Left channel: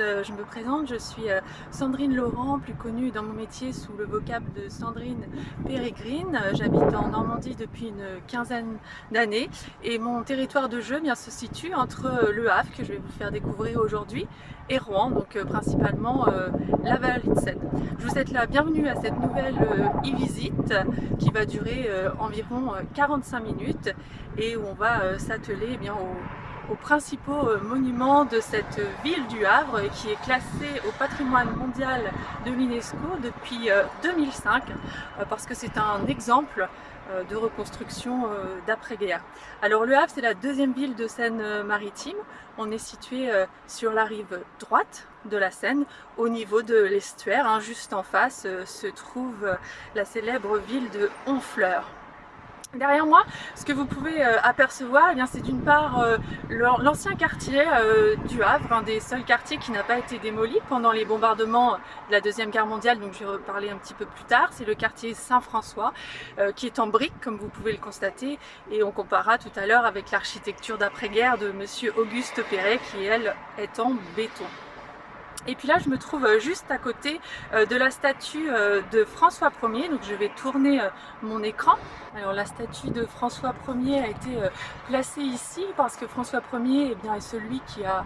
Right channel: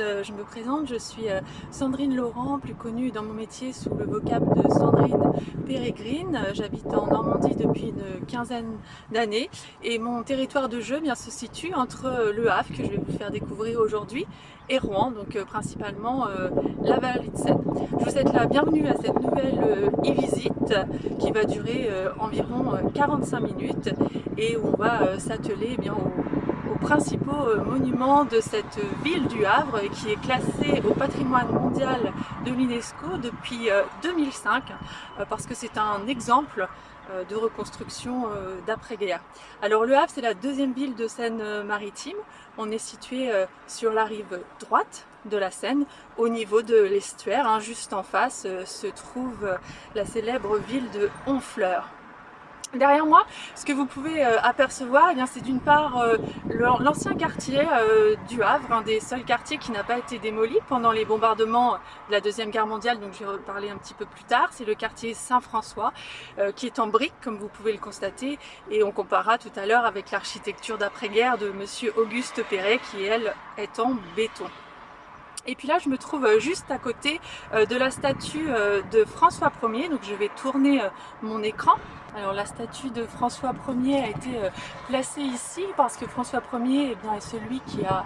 je me présente, je suis Sandrine Laurent, plus connue dans mon métier sous le vocable de Sandrine Pérégrine. J'habite en Normandie depuis une quinzaine d'années et mon territoire de jeu se situe entre Le Havre, que je vais vous faire découvrir aujourd'hui, et Rouen, donc principalement la vallée de Seine. Je vous souhaite la bienvenue à cette nouvelle e-visite qui va durer environ 45 minutes et où on va s'atteler aux principaux monuments de cette ville du Havre qui est classée au patrimoine mondial de l'UNESCO depuis 2005 parce que c'est un exemple de reconstruction d'après-guerre. Alors Le Havre, c'est la deuxième ville de Seine-Maritime. On est situé sur la rive droite de la Seine, au niveau de l'estuaire. Juste en face se trouve la célèbre ville de Honfleur. Derrière moi, ce que vous pouvez apercevoir, c'est d'une part l'ancien quartier du Havre, un des seuls quartiers qui n'a pas été démoli pendant les bombardements de la Deuxième Guerre mondiale, donc je vais reparler un petit peu plus tard. C'est le quartier Saint-François qui est en briques, comme vous pouvez le constater, et on comparera tout à l'heure avec l'architecture d'après-guerre de monsieur Auguste Perret qui, elle, est en béton. Et puis là, je me trouve juste à côté de la statue de François Ier, donc je vais tourner mon écran. Alors la statue de François Ier a été placée ici parce que François Ier est celui qui a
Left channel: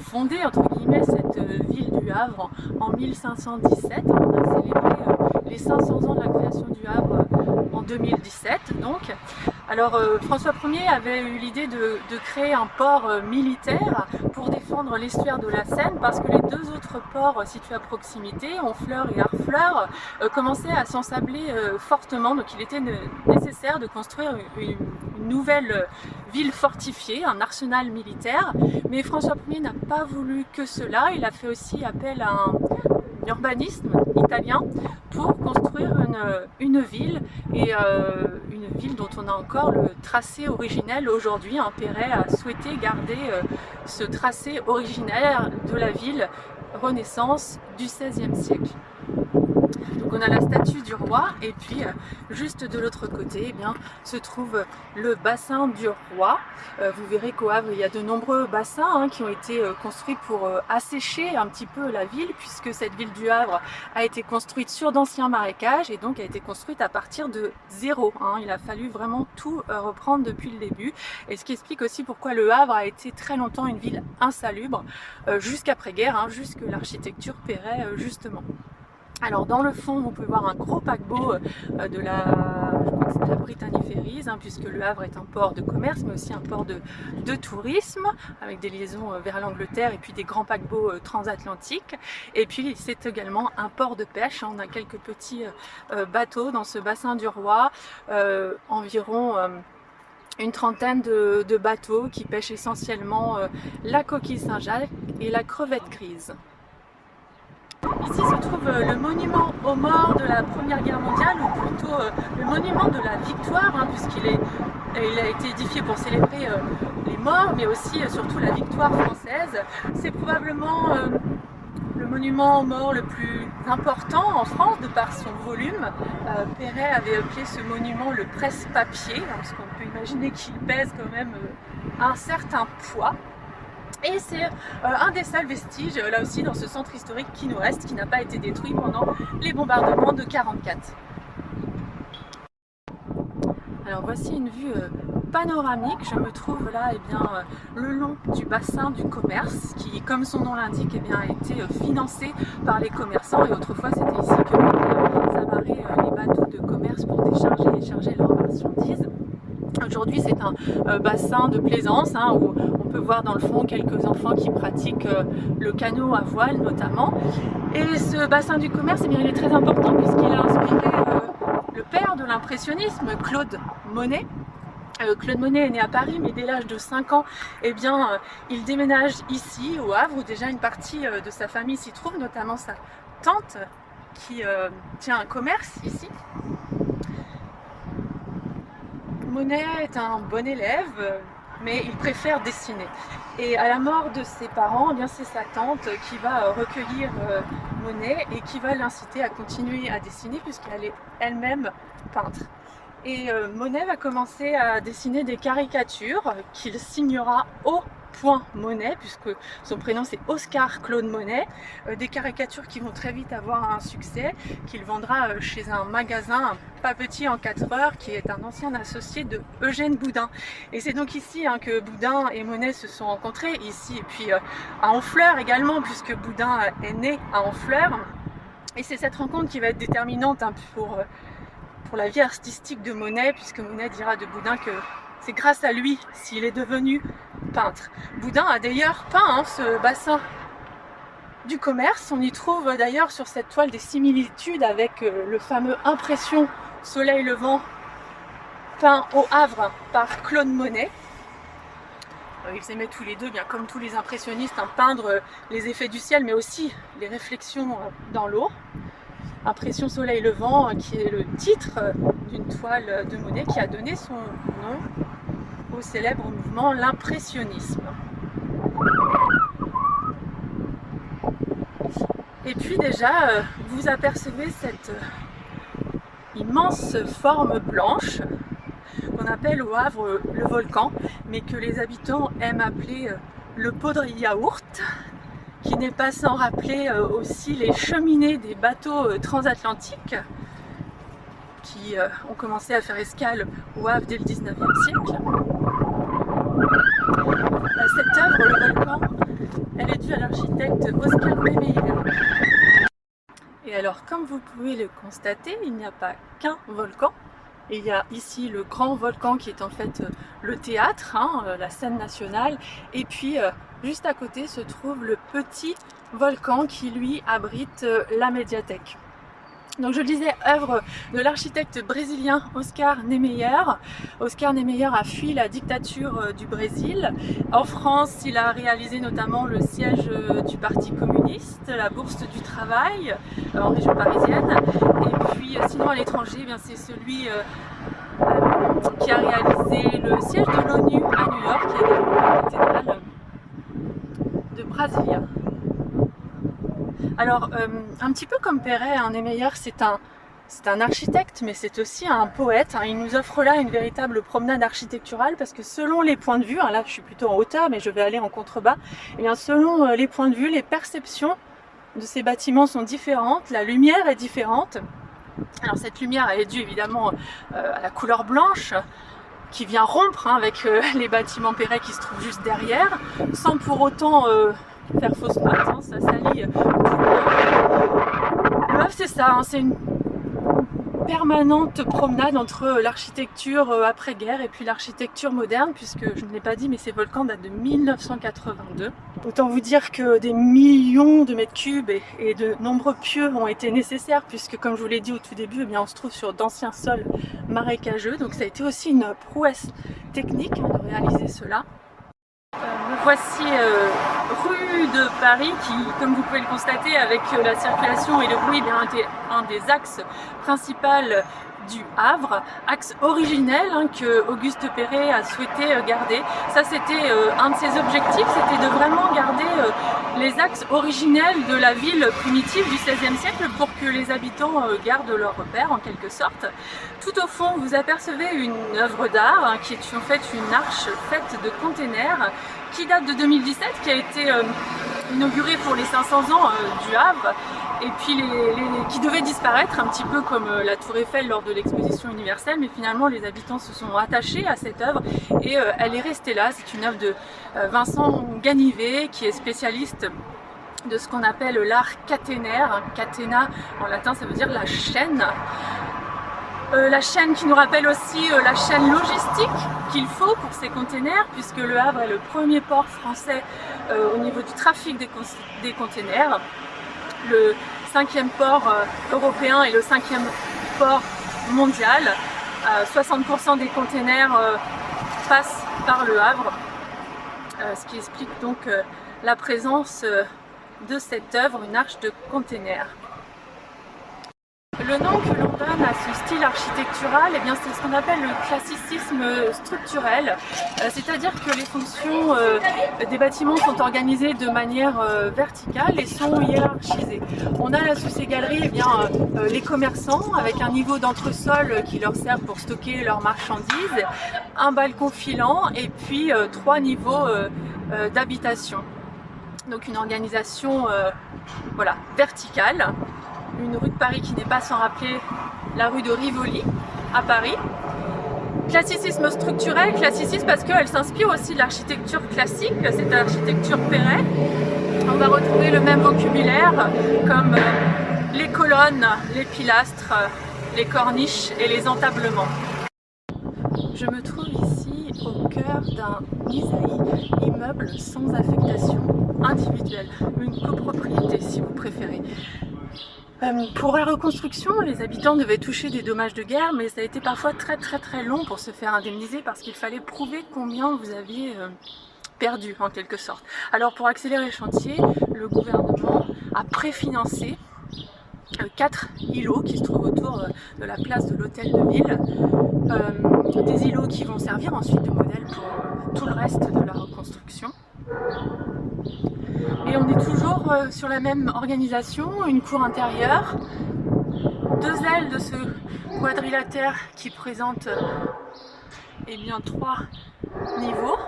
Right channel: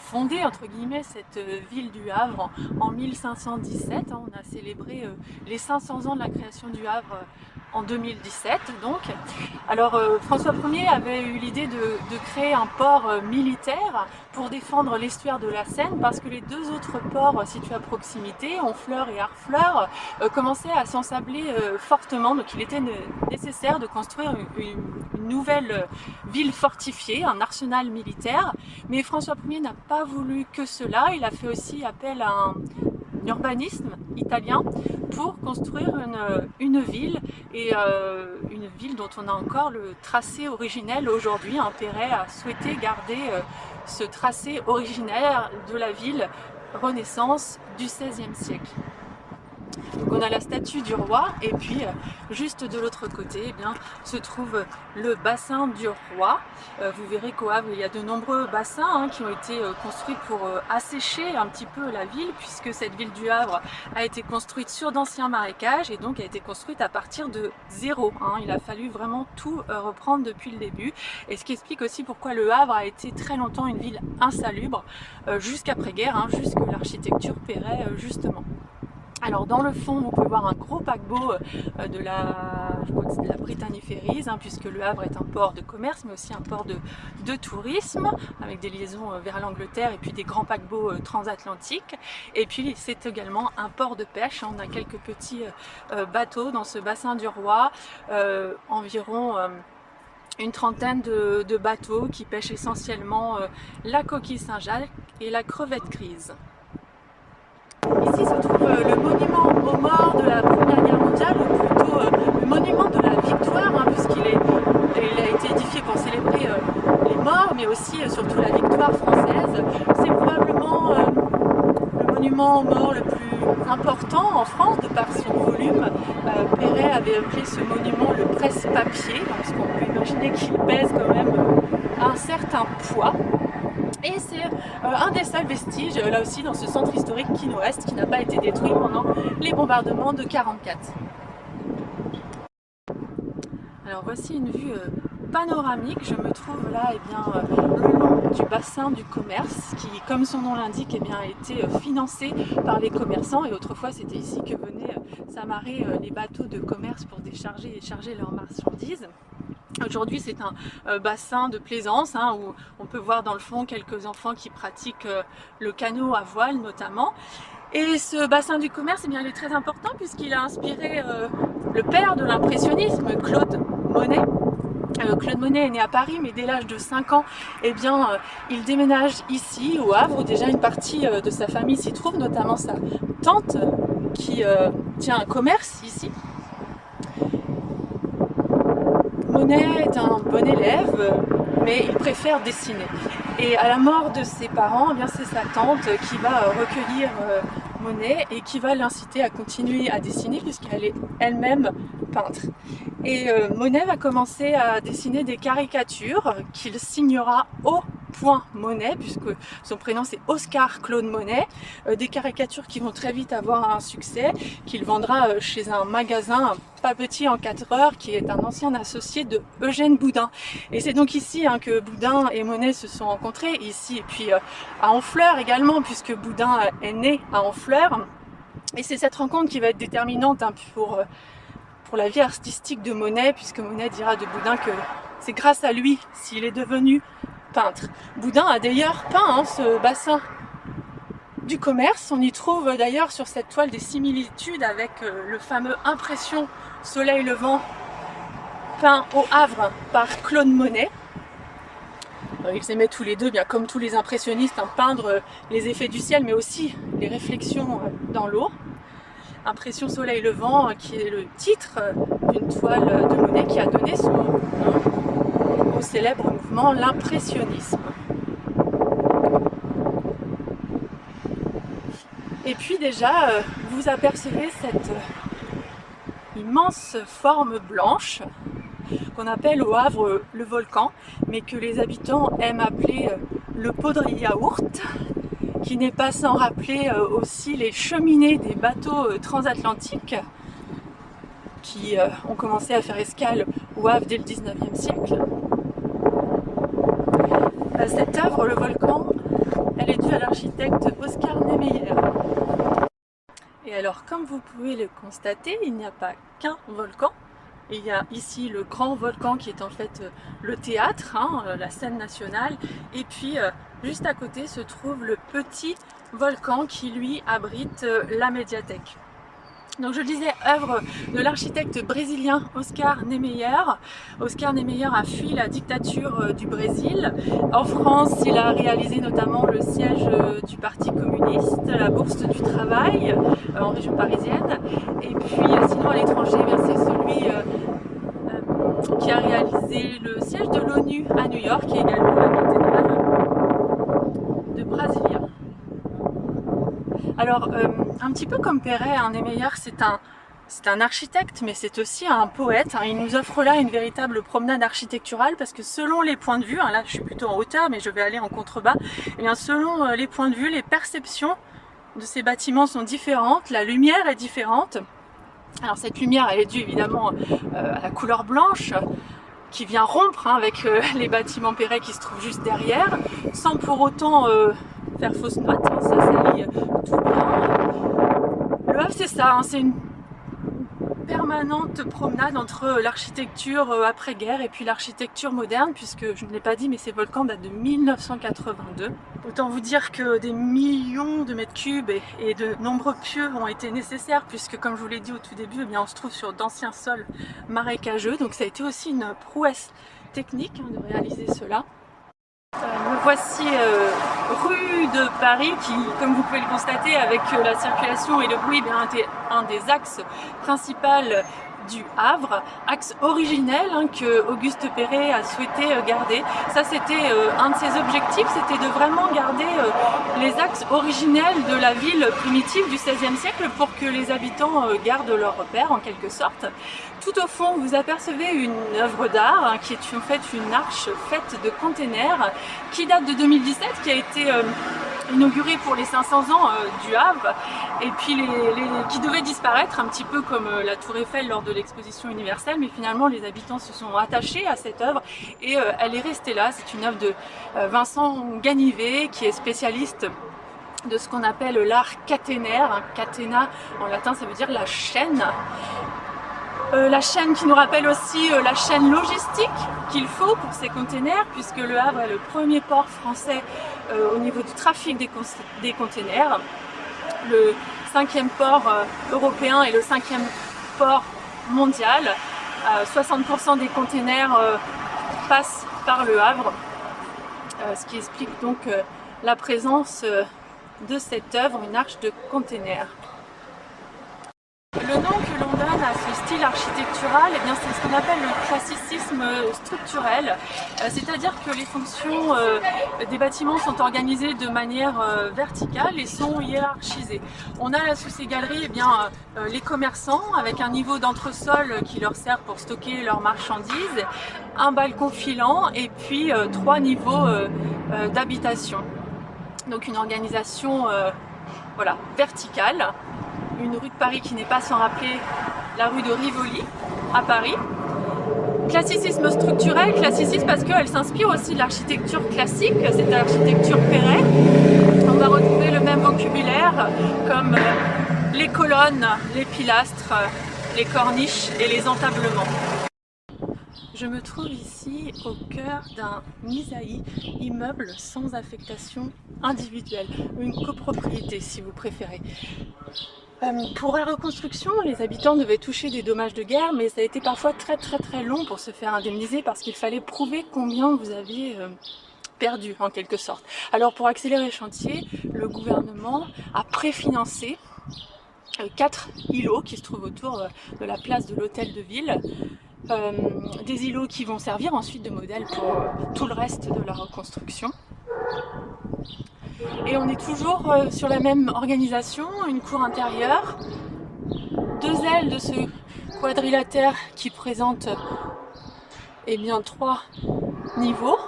fondé entre guillemets cette ville du Havre en 1517. On a célébré les 500 ans de la création du Havre en 2017 donc. Alors François Ier avait eu l'idée de créer un port militaire pour défendre l'estuaire de la Seine parce que les deux autres ports situés à proximité, Honfleur et Harfleur, commençaient à s'ensabler fortement, donc il était nécessaire de construire une nouvelle ville fortifiée, un arsenal militaire. Mais François Ier n'a pas voulu que cela, il a fait aussi appel à un urbanisme italien pour construire une ville, et une ville dont on a encore le tracé originel aujourd'hui. Perret a souhaité garder ce tracé originaire de la ville Renaissance du XVIe siècle. Donc on a la statue du roi, et puis juste de l'autre côté se trouve le bassin du roi. Vous verrez qu'au Havre il y a de nombreux bassins qui ont été construits pour assécher un petit peu la ville, puisque cette ville du Havre a été construite sur d'anciens marécages et donc a été construite à partir de zéro. Il a fallu vraiment tout reprendre depuis le début, et ce qui explique aussi pourquoi le Havre a été très longtemps une ville insalubre jusqu'après-guerre, jusque l'architecture Perret justement. Alors dans le fond, vous pouvez voir un gros paquebot de je crois que c'est de la Brittany Ferries, puisque le Havre est un port de commerce, mais aussi un port de tourisme, avec des liaisons vers l'Angleterre et puis des grands paquebots transatlantiques. Et puis c'est également un port de pêche. On a quelques petits bateaux dans ce bassin du roi, environ une trentaine de bateaux qui pêchent essentiellement la coquille Saint-Jacques et la crevette grise. Ici se trouve le monument aux morts de la Première Guerre mondiale, ou plutôt le monument de la victoire, puisqu'il a été édifié pour célébrer les morts, mais aussi surtout la victoire française. C'est probablement le monument aux morts le plus important en France de par son volume. Perret avait appelé ce monument le presse-papier, parce qu'on peut imaginer qu'il pèse quand même un certain poids. Et c'est un des seuls vestiges, là aussi, dans ce centre historique qui nous reste, qui n'a pas été détruit pendant les bombardements de 1944. Alors voici une vue panoramique. Je me trouve là le long du bassin du commerce qui, comme son nom l'indique, a été financé par les commerçants, et autrefois c'était ici que s'amarraient les bateaux de commerce pour décharger et charger leurs marchandises. Aujourd'hui c'est un bassin de plaisance où on peut voir dans le fond quelques enfants qui pratiquent le canot à voile notamment. Et ce bassin du commerce il est très important puisqu'il a inspiré le père de l'impressionnisme, Claude Monet. Claude Monet est né à Paris, mais dès l'âge de 5 ans, il déménage ici au Havre, où déjà une partie de sa famille s'y trouve, notamment sa tante qui tient un commerce ici. Monet est un bon élève, mais il préfère dessiner. Et à la mort de ses parents, c'est sa tante qui va recueillir Monet et qui va l'inciter à continuer à dessiner, puisqu'elle est elle-même peintre. Et Monet va commencer à dessiner des caricatures qu'il signera au Monet, puisque son prénom c'est Oscar Claude Monet, des caricatures qui vont très vite avoir un succès, qu'il vendra chez un magasin pas petit en 4 heures, qui est un ancien associé de Eugène Boudin. Et c'est donc ici que Boudin et Monet se sont rencontrés, ici et puis à Honfleur également, puisque Boudin est né à Honfleur. Et c'est cette rencontre qui va être déterminante pour la vie artistique de Monet, puisque Monet dira de Boudin que c'est grâce à lui s'il est devenu peintre. Boudin a d'ailleurs peint ce bassin du commerce. On y trouve d'ailleurs sur cette toile des similitudes avec le fameux Impression Soleil Levant peint au Havre par Claude Monet. Ils aimaient tous les deux, bien comme tous les impressionnistes, peindre les effets du ciel, mais aussi les réflexions dans l'eau. Impression Soleil Levant, qui est le titre d'une toile de Monet qui a donné son nom au célèbre mouvement l'impressionnisme. Et puis déjà, vous apercevez cette immense forme blanche qu'on appelle au Havre le volcan, mais que les habitants aiment appeler le pot de yaourt, qui n'est pas sans rappeler aussi les cheminées des bateaux transatlantiques qui ont commencé à faire escale au Havre dès le 19e siècle. Cette œuvre, le volcan, elle est due à l'architecte Oscar Niemeyer. Et alors, comme vous pouvez le constater, il n'y a pas qu'un volcan. Il y a ici le grand volcan qui est en fait le théâtre, la scène nationale, et puis juste à côté se trouve le petit volcan qui lui abrite la médiathèque. Donc je le disais, œuvre de l'architecte brésilien Oscar Niemeyer. Oscar Niemeyer a fui la dictature du Brésil. En France, il a réalisé notamment le siège du Parti communiste, la Bourse du travail en région parisienne. Et puis sinon à l'étranger, c'est celui qui a réalisé le siège de l'ONU à New York et également la cathédrale de Brasilia. Alors, un petit peu comme Perret, Niemeyer, c'est un architecte, mais c'est aussi un poète. Il nous offre là une véritable promenade architecturale parce que selon les points de vue, là je suis plutôt en hauteur, mais je vais aller en contrebas, et bien selon les points de vue, les perceptions de ces bâtiments sont différentes, la lumière est différente. Alors cette lumière, elle est due évidemment à la couleur blanche, qui vient rompre avec les bâtiments Perret qui se trouvent juste derrière, sans pour autant faire fausse note, ça s'allie tout bien. Le Havre, c'est ça, c'est une permanente promenade entre l'architecture après-guerre et puis l'architecture moderne, puisque je ne l'ai pas dit, mais ces volcans datent de 1982. Autant vous dire que des millions de mètres cubes et de nombreux pieux ont été nécessaires, puisque comme je vous l'ai dit au tout début, on se trouve sur d'anciens sols marécageux, donc ça a été aussi une prouesse technique de réaliser cela. Me voici rue de Paris qui, comme vous pouvez le constater avec la circulation et le bruit, était un des axes principaux du Havre, axe originel que Auguste Perret a souhaité garder. Ça c'était un de ses objectifs, c'était de vraiment garder les axes originels de la ville primitive du XVIe siècle pour que les habitants gardent leurs repères en quelque sorte. Tout au fond vous apercevez une œuvre d'art qui est en fait une arche faite de containers qui date de 2017, qui a été inaugurée pour les 500 ans du Havre, et puis qui devait disparaître un petit peu comme la Tour Eiffel lors de l'exposition universelle, mais finalement les habitants se sont attachés à cette œuvre et elle est restée là. C'est une œuvre de Vincent Ganivet qui est spécialiste de ce qu'on appelle l'art caténaire. Catena en latin ça veut dire la chaîne. La chaîne qui nous rappelle aussi la chaîne logistique qu'il faut pour ces containers, puisque le Havre est le premier port français au niveau du trafic des containers, le 5e port européen et le 5e port mondial. 60% des containers passent par le Havre, ce qui explique donc la présence de cette œuvre, une arche de containers. Le nom que l'on donne à ce style architectural, eh bien, c'est ce qu'on appelle le classicisme structurel, c'est-à-dire que les fonctions des bâtiments sont organisées de manière verticale et sont hiérarchisées. On a sous ces galeries eh bien, les commerçants avec un niveau d'entresol qui leur sert pour stocker leurs marchandises, un balcon filant et puis 3 niveaux d'habitation. Donc une organisation voilà, verticale. Une rue de Paris qui n'est pas sans rappeler la rue de Rivoli à Paris. Classicisme structurel, classicisme parce qu'elle s'inspire aussi de l'architecture classique, c'est l'architecture Perret. On va retrouver le même vocabulaire comme les colonnes, les pilastres, les corniches et les entablements. Je me trouve ici au cœur d'un Isaïe, immeuble sans affectation individuelle, une copropriété si vous préférez. Pour la reconstruction, les habitants devaient toucher des dommages de guerre, mais ça a été parfois très long pour se faire indemniser parce qu'il fallait prouver combien vous aviez perdu en quelque sorte. Alors pour accélérer le chantier, le gouvernement a préfinancé 4 îlots qui se trouvent autour de la place de l'hôtel de ville. Des îlots qui vont servir ensuite de modèle pour tout le reste de la reconstruction. Et on est toujours sur la même organisation, une cour intérieure, 2 ailes de ce quadrilatère qui présente eh bien, 3 niveaux,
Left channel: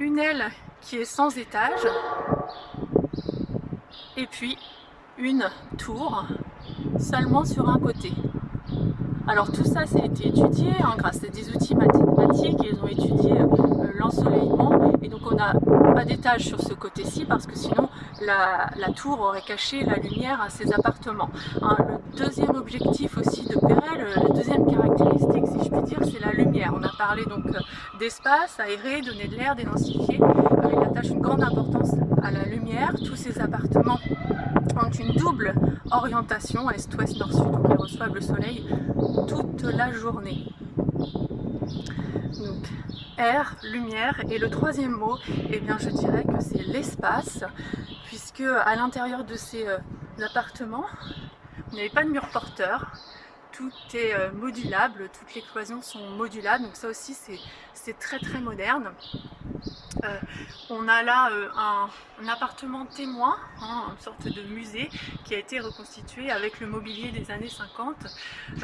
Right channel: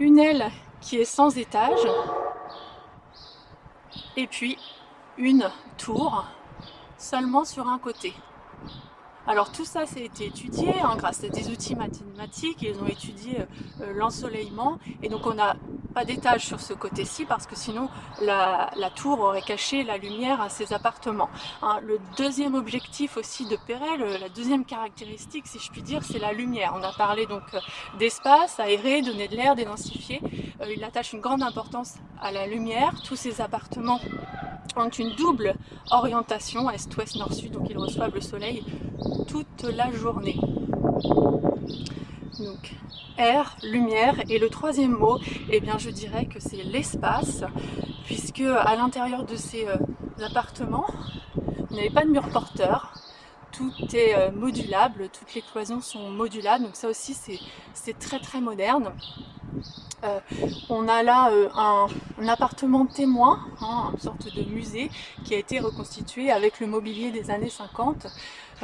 une aile qui est sans étage, et puis une tour seulement sur un côté. Alors tout ça, ça a été étudié grâce à des outils mathématiques, ils ont étudié l'ensoleillement et donc on n'a pas d'étage sur ce côté-ci parce que sinon la tour aurait caché la lumière à ces appartements. Le deuxième objectif aussi de Perret, la deuxième caractéristique si je puis dire, c'est la lumière. On a parlé donc d'espace aéré, donner de l'air, dédensifier. Il attache une grande importance à la lumière. Tous ces appartements ont une double orientation, est, ouest, nord, sud, donc ils reçoivent le soleil toute la journée. Donc air, lumière, et le troisième mot, eh bien je dirais que c'est l'espace, puisque à l'intérieur de ces appartements, vous n'avez pas de mur porteur, tout est modulable, toutes les cloisons sont modulables, donc ça aussi c'est très moderne. On a là un appartement témoin, une sorte de musée qui a été reconstitué avec le mobilier des années 50.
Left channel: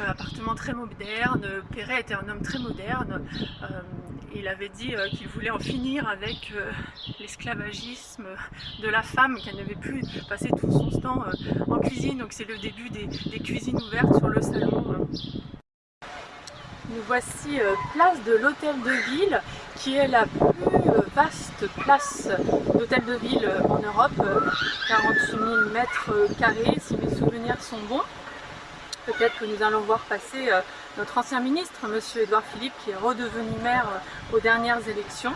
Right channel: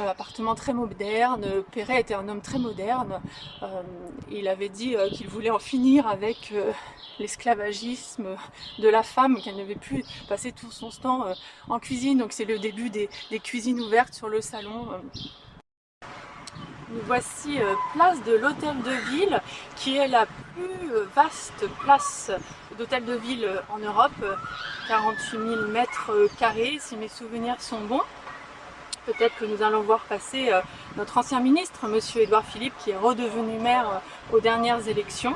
Appartement très moderne. Perret était un homme très moderne. Il avait dit qu'il voulait en finir avec l'esclavagisme de la femme, qu'elle ne devait plus passer tout son temps en cuisine. Donc c'est le début des cuisines ouvertes sur le salon. Nous voici place de l'Hôtel de Ville, qui est la plus vaste place d'hôtel de ville en Europe, 48 000 mètres carrés si mes souvenirs sont bons. Peut-être que nous allons voir passer notre ancien ministre, monsieur Édouard Philippe, qui est redevenu maire aux dernières élections.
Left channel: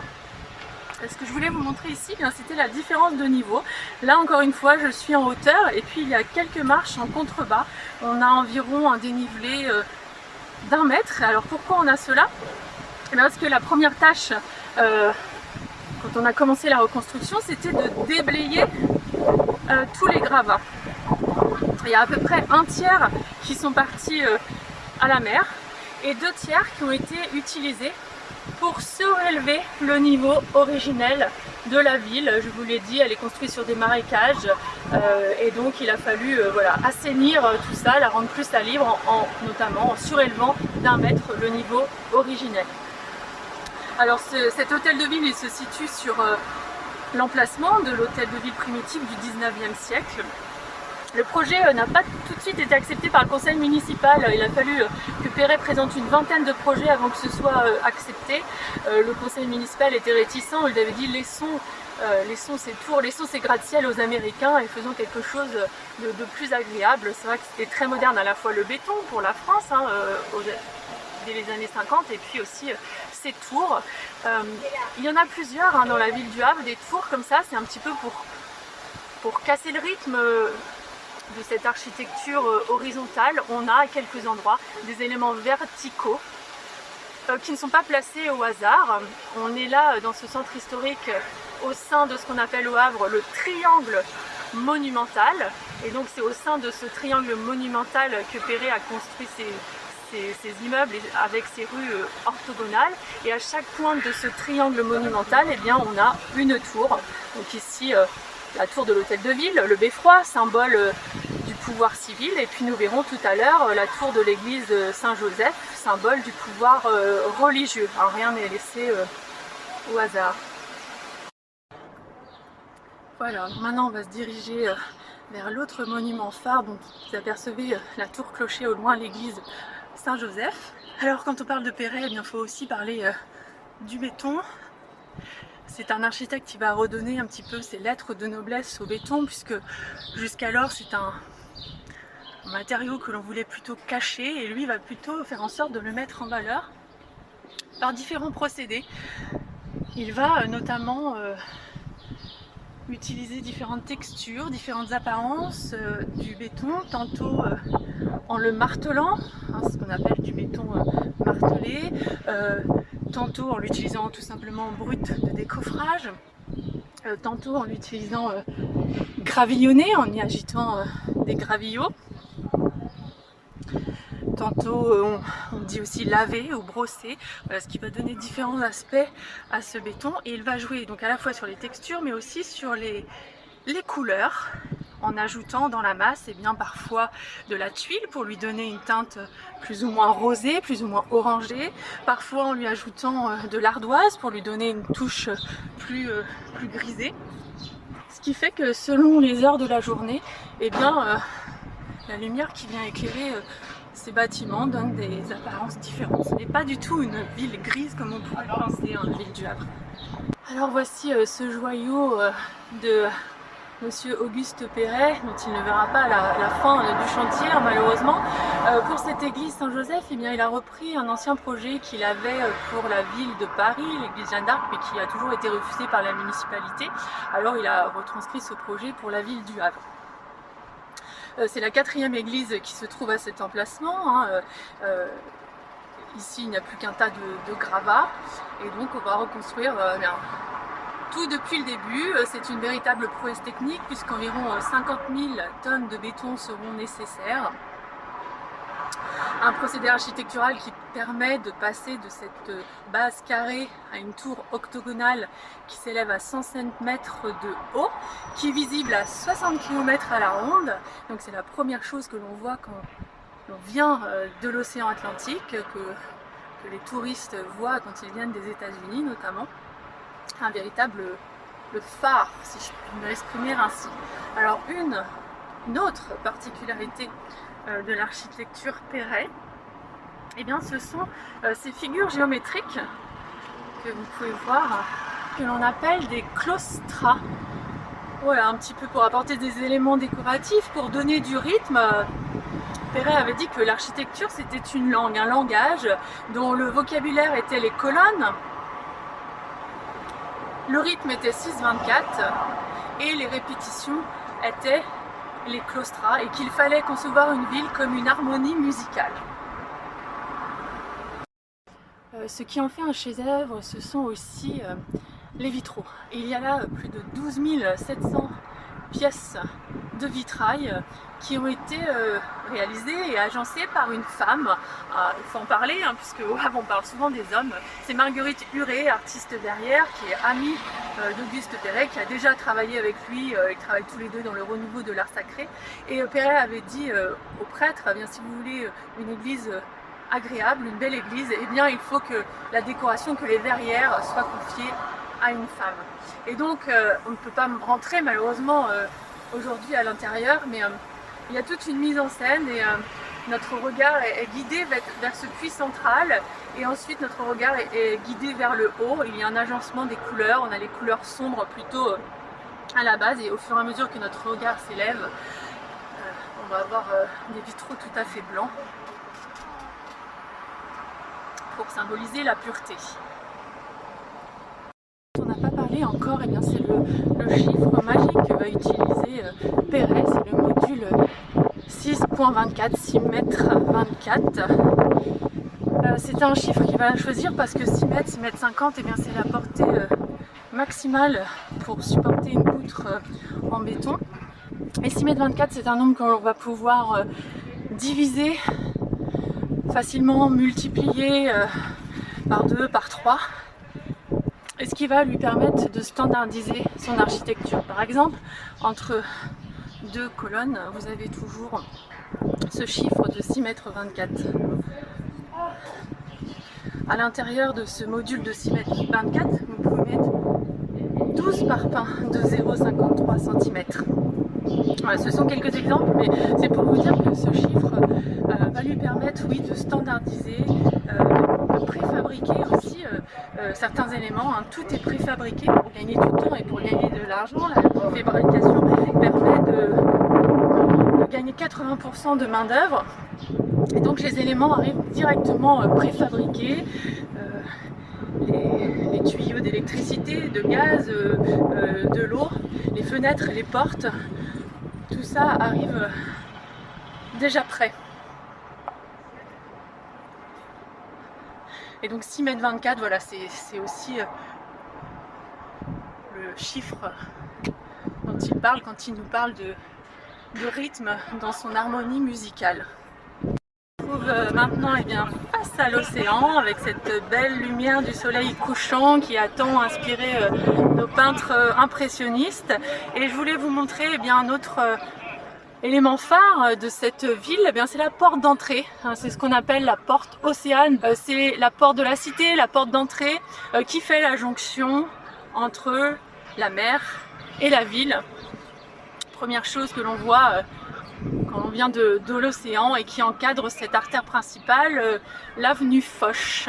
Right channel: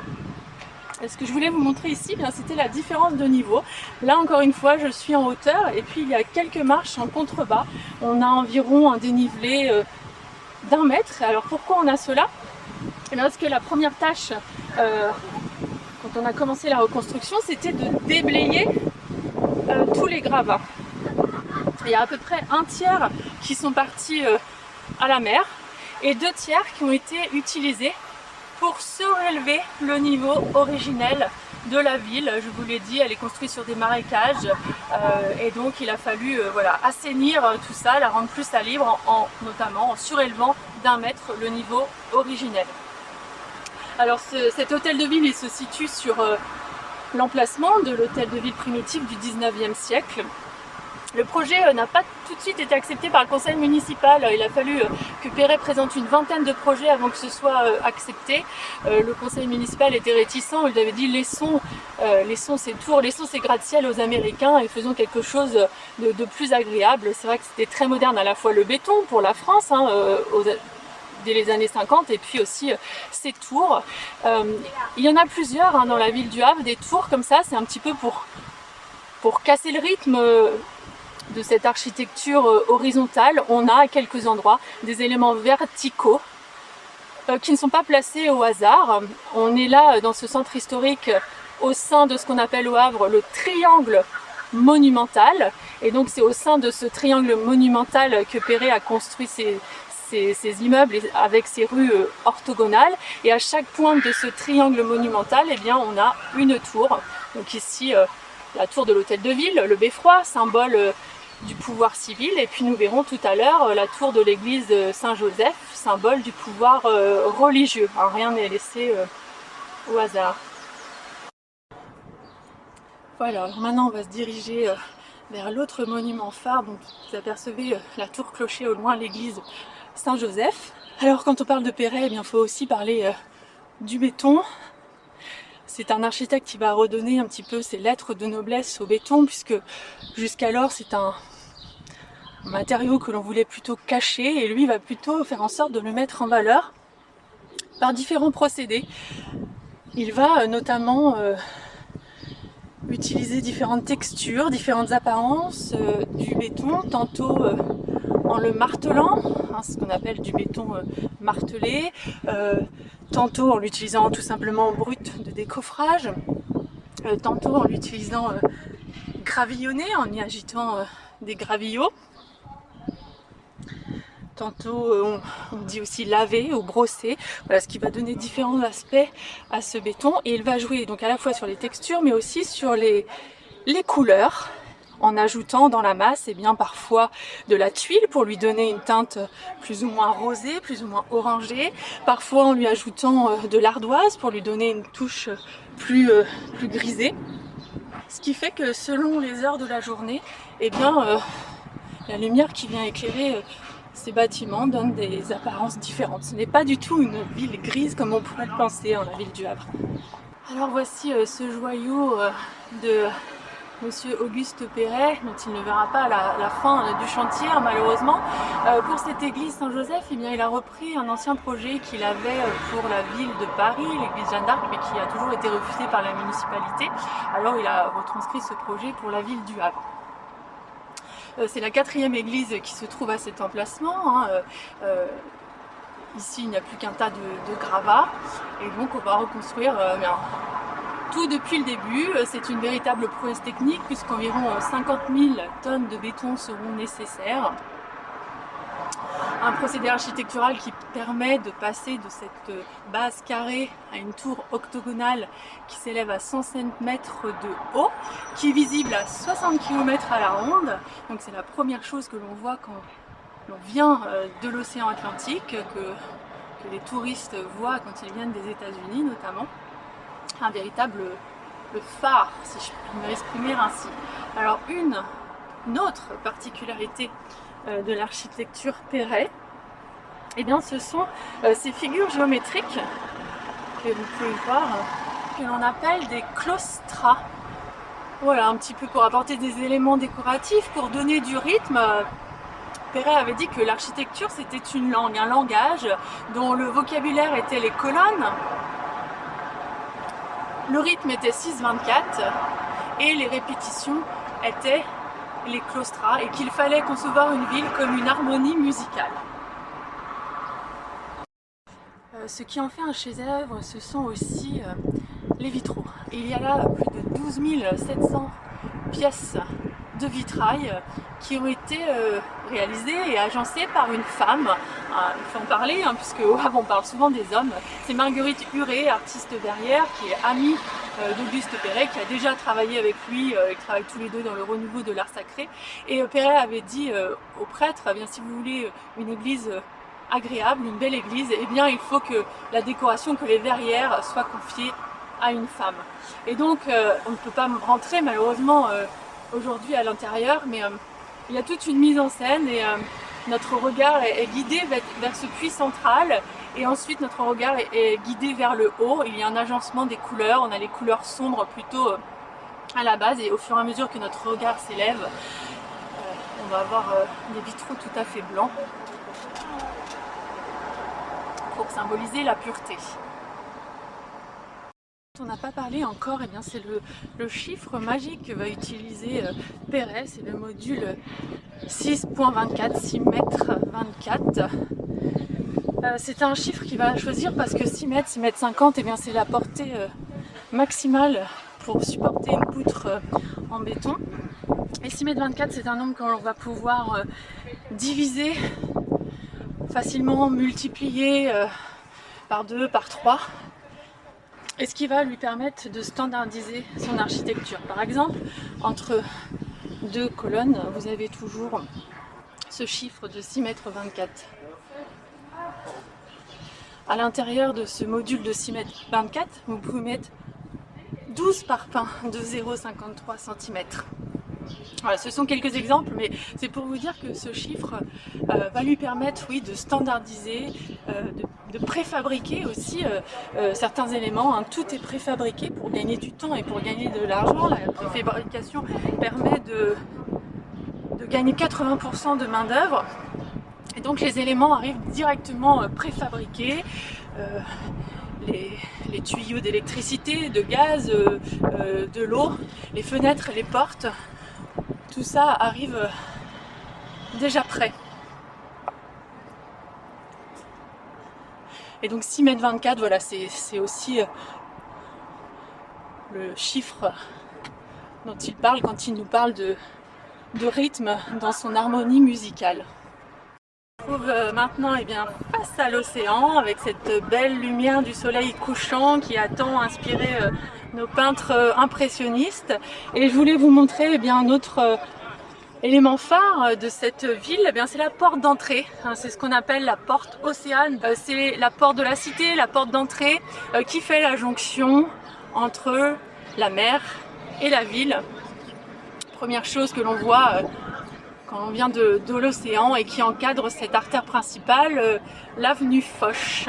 Ce que je voulais vous montrer ici, c'était la différence de niveau. Là encore une fois, je suis en hauteur et puis il y a quelques marches en contrebas. On a environ un dénivelé d'1 mètre. Alors pourquoi on a cela? Parce que la première tâche, quand on a commencé la reconstruction, c'était de déblayer tous les gravats. Il y a à peu près 1/3 qui sont partis à la mer et 2/3 qui ont été utilisés pour surélever le niveau originel de la ville. Je vous l'ai dit, elle est construite sur des marécages et donc il a fallu voilà, assainir tout ça, la rendre plus salibre, notamment en surélevant d'1 mètre le niveau originel. Alors cet hôtel de ville il se situe sur l'emplacement de l'hôtel de ville primitif du 19e siècle. Le projet n'a pas tout de suite été accepté par le conseil municipal. Il a fallu que Perret présente une vingtaine de projets avant que ce soit accepté. Le conseil municipal était réticent, il avait dit laissons ces tours, laissons ces gratte-ciel aux Américains et faisons quelque chose de plus agréable. C'est vrai que c'était très moderne, à la fois le béton pour la France, dès les années 50, et puis aussi ces tours. Il y en a plusieurs dans la ville du Havre, des tours comme ça, c'est un petit peu pour casser le rythme de cette architecture horizontale. On a à quelques endroits des éléments verticaux qui ne sont pas placés au hasard. On est là dans ce centre historique au sein de ce qu'on appelle au Havre le triangle monumental Et donc c'est au sein de ce triangle monumental que Perret a construit ces immeubles avec ces rues orthogonales. Et à chaque pointe de ce triangle monumental, eh bien, on a une tour. Donc ici, la tour de l'hôtel de ville, le beffroi, symbole du pouvoir civil. Et puis nous verrons tout à l'heure la tour de l'église Saint-Joseph, symbole du pouvoir religieux. Alors, rien n'est laissé au hasard. Voilà, alors maintenant on va se diriger vers l'autre monument phare dont vous apercevez la tour clocher au loin, l'église Saint-Joseph. Alors quand on parle de Perret, eh bien, il faut aussi parler du béton. C'est un architecte qui va redonner un petit peu ses lettres de noblesse au béton, puisque jusqu'alors c'est un matériau que l'on voulait plutôt cacher, et lui va plutôt faire en sorte de le mettre en valeur par différents procédés. Il va notamment utiliser différentes textures, différentes apparences du béton, tantôt en le martelant, hein, ce qu'on appelle du béton martelé, tantôt en l'utilisant tout simplement brut de décoffrage, tantôt en l'utilisant gravillonné, en y agitant des gravillots. Tantôt on dit aussi laver ou brosser, voilà, ce qui va donner différents aspects à ce béton. Et il va jouer donc à la fois sur les textures mais aussi sur les couleurs, en ajoutant dans la masse eh bien, parfois de la tuile pour lui donner une teinte plus ou moins rosée, plus ou moins orangée, parfois en lui ajoutant de l'ardoise pour lui donner une touche plus grisée. Ce qui fait que selon les heures de la journée, eh bien, la lumière qui vient éclairer ces bâtiments donne des apparences différentes. Ce n'est pas du tout une ville grise comme on pourrait le penser, la ville du Havre. Alors voici ce joyau de Monsieur Auguste Perret, dont il ne verra pas la fin du chantier malheureusement. Pour cette église Saint-Joseph, eh bien, il a repris un ancien projet qu'il avait pour la ville de Paris, l'église Jeanne d'Arc, mais qui a toujours été refusé par la municipalité. Alors il a retranscrit ce projet pour la ville du Havre. C'est la 4e église qui se trouve à cet emplacement. Ici, il n'y a plus qu'un tas de gravats. Et donc, on va reconstruire tout depuis le début. C'est une véritable prouesse technique puisqu'environ 50 000 tonnes de béton seront nécessaires. Un procédé architectural qui permet de passer de cette base carrée à une tour octogonale qui s'élève à 105 mètres de haut, qui est visible à 60 km à la ronde. Donc c'est la première chose que l'on voit quand l'on vient de l'océan Atlantique, que les touristes voient quand ils viennent des États-Unis notamment. Un véritable phare, si je puis m'exprimer ainsi. Alors une autre particularité de l'architecture Perret, eh bien, ce sont ces figures géométriques que vous pouvez voir, que l'on appelle des claustras. Voilà, un petit peu pour apporter des éléments décoratifs, pour donner du rythme. Perret avait dit que l'architecture c'était une langue, un langage dont le vocabulaire était les colonnes, le rythme était 6/24 et les répétitions étaient les claustras, et qu'il fallait concevoir une ville comme une harmonie musicale. Ce qui en fait un chef-d'œuvre, ce sont aussi les vitraux. Et il y a là plus de 12 700 pièces de vitrail qui ont été réalisées et agencées par une femme. Il faut en parler, hein, puisque on parle souvent des hommes. C'est Marguerite Huret, artiste verrière, qui est amie d'Auguste Perret, qui a déjà travaillé avec lui. Ils travaillent tous les deux dans le renouveau de l'art sacré. Et Perret avait dit au prêtre, eh bien, si vous voulez une église agréable, une belle église, eh bien il faut que la décoration, que les verrières soient confiées à une femme. Et donc on ne peut pas rentrer malheureusement aujourd'hui à l'intérieur, mais il y a toute une mise en scène et notre regard est guidé vers ce puits central, et ensuite notre regard est guidé vers le haut. Il y a un agencement des couleurs, on a les couleurs sombres plutôt à la base, et au fur et à mesure que notre regard s'élève, on va avoir des vitraux tout à fait blancs pour symboliser la pureté. On n'a pas parlé encore, eh bien c'est le chiffre magique que va utiliser Perret, c'est le module 6.24, 6 mètres 24. C'est un chiffre qu'il va choisir parce que 6 mètres, 6 mètres 50, eh bien c'est la portée maximale pour supporter une poutre en béton. Et 6,24 m, c'est un nombre que l'on va pouvoir diviser facilement, multiplier par 2, par 3, et ce qui va lui permettre de standardiser son architecture. Par exemple, entre deux colonnes, vous avez toujours ce chiffre de 6,24 m. À l'intérieur de ce module de 6,24 m, vous pouvez mettre 12 parpaings de 0,53 cm. Voilà, ce sont quelques exemples, mais c'est pour vous dire que ce chiffre va lui permettre, oui, de standardiser, de préfabriquer aussi certains éléments. Hein. Tout est préfabriqué pour gagner du temps et pour gagner de l'argent. La préfabrication permet de gagner 80% de main d'œuvre. Et donc les éléments arrivent directement préfabriqués. Les tuyaux d'électricité, de gaz, de l'eau, les fenêtres, les portes, tout ça arrive déjà prêt. Et donc 6,24 m, voilà, c'est aussi le chiffre dont il parle quand il nous parle de rythme dans son harmonie musicale. On se trouve maintenant face à l'océan avec cette belle lumière du soleil couchant qui a tant inspiré nos peintres impressionnistes. Et je voulais vous montrer un autre élément phare de cette ville, c'est la porte d'entrée. C'est ce qu'on appelle la porte Océane. C'est la porte de la cité, la porte d'entrée qui fait la jonction entre la mer et la ville. Première chose que l'on voit quand on vient de l'océan et qui encadre cette artère principale, l'avenue Foch.